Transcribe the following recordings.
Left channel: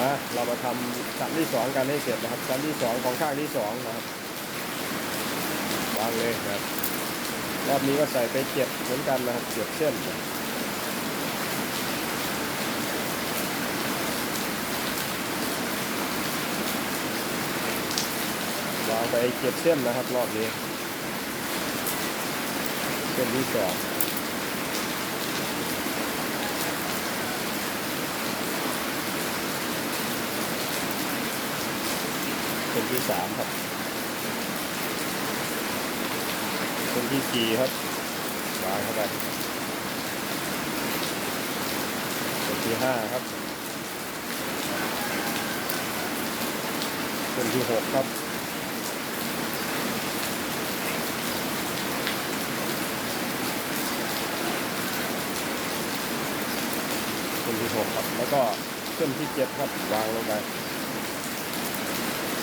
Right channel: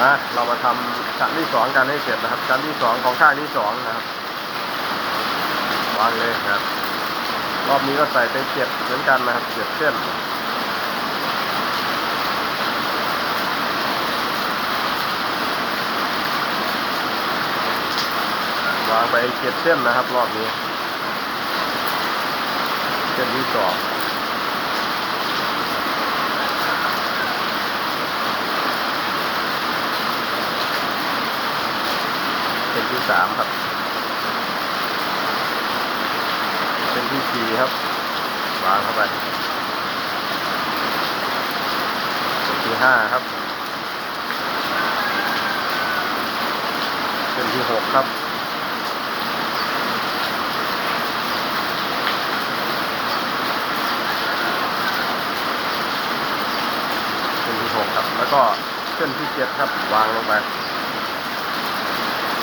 มาเรามาทำชั้นที่สองกันให้เสร็จนะครับ ชั้นที่สองของข้างที่สองนะครับวางเลยครับ รอบนี้ก็ใส่ไปเจ็ดเหมือนกันนะครับเจ็ดเส้นวางไปเจ็ดเส้นนะครับ รอบนี้เส้นที่สอง เส้นที่สามครับ เส้นที่สี่ครับวางเข้าไปเส้นที่ห้าครับ เส้นที่หกครับ เส้นที่หกครับ แล้วก็เส้นที่เจ็ดครับ วางลงไป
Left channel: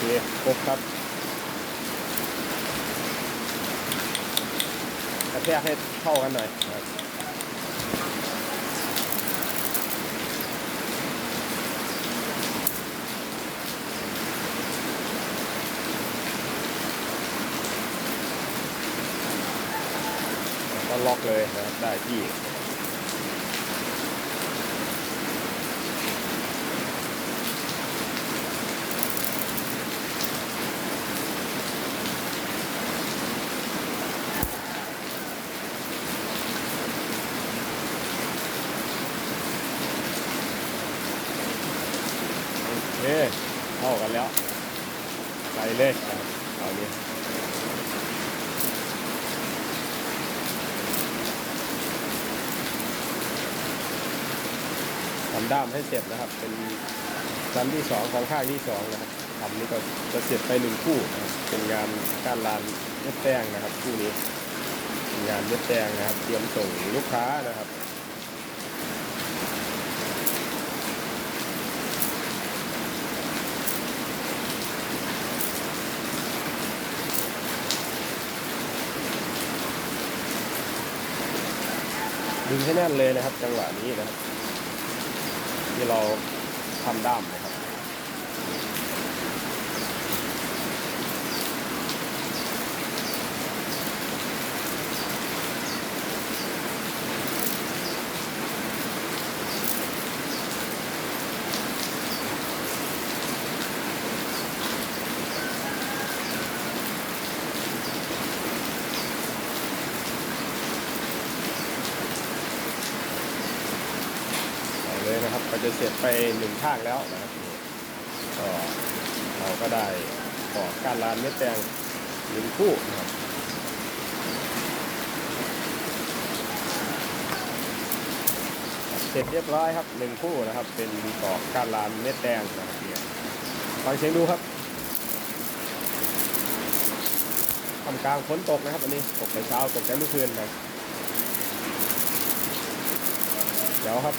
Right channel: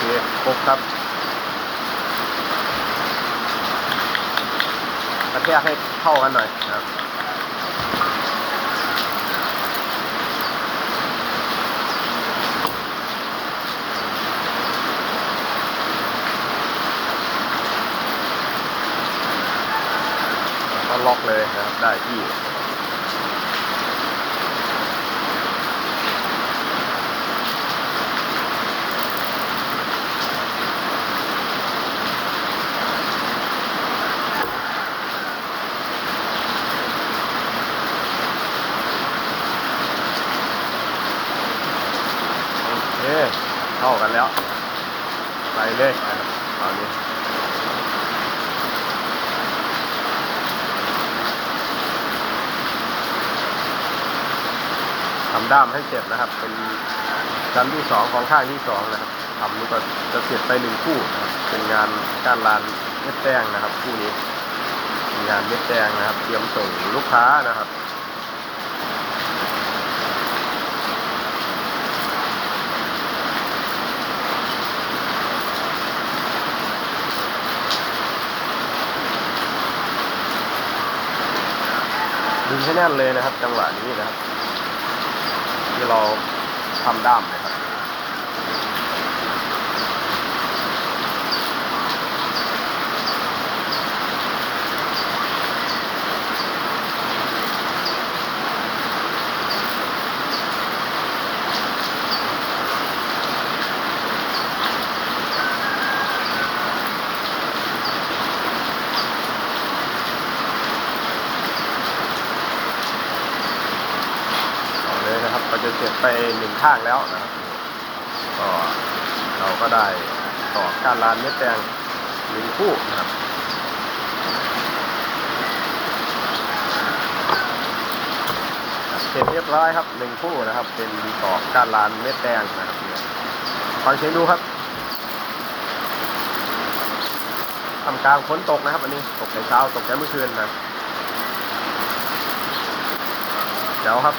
เคครบครับกระแทกให้เข้ากันหน่อยนะครับก็ล็อกเลยนะครับได้ที่ เคเข้ากันแล้ว ไปเลยนะครับตอนนี้ทำด้ามให้เสร็จนะครับ เป็นชั้นที่สองของข้างที่สองนะครับทำนี่ก็จะเสร็จไปหนึ่งคู่นะครับเป็นงานการลานเม็ดแป้งนะครับ คู่นี้เป็นงานเม็ดแป้งนะครับ เตรียมส่งลูกค้านะครับ ดึงให้แน่นเลยนะครับ จังหวะนี้นะครับ ที่เราทำด้ามนะครับ ต่อเลยนะครับ ก็จะเสร็จไปหนึ่งข้างแล้วนะครับก็เราก็ได้ต่อการลานเม็ดแตงหนึ่งคู่นะครับเสร็จเรียบร้อยครับหนึ่งคู่นะครับ เป็นต่อการลานเม็ดแดงนะครับเนี่ยฟังเสียงดูครับทำกลางฝนตกนะครับ อันนี้ตกในเช้าตกในเมื่อคืนนะเดี๋ยวครับ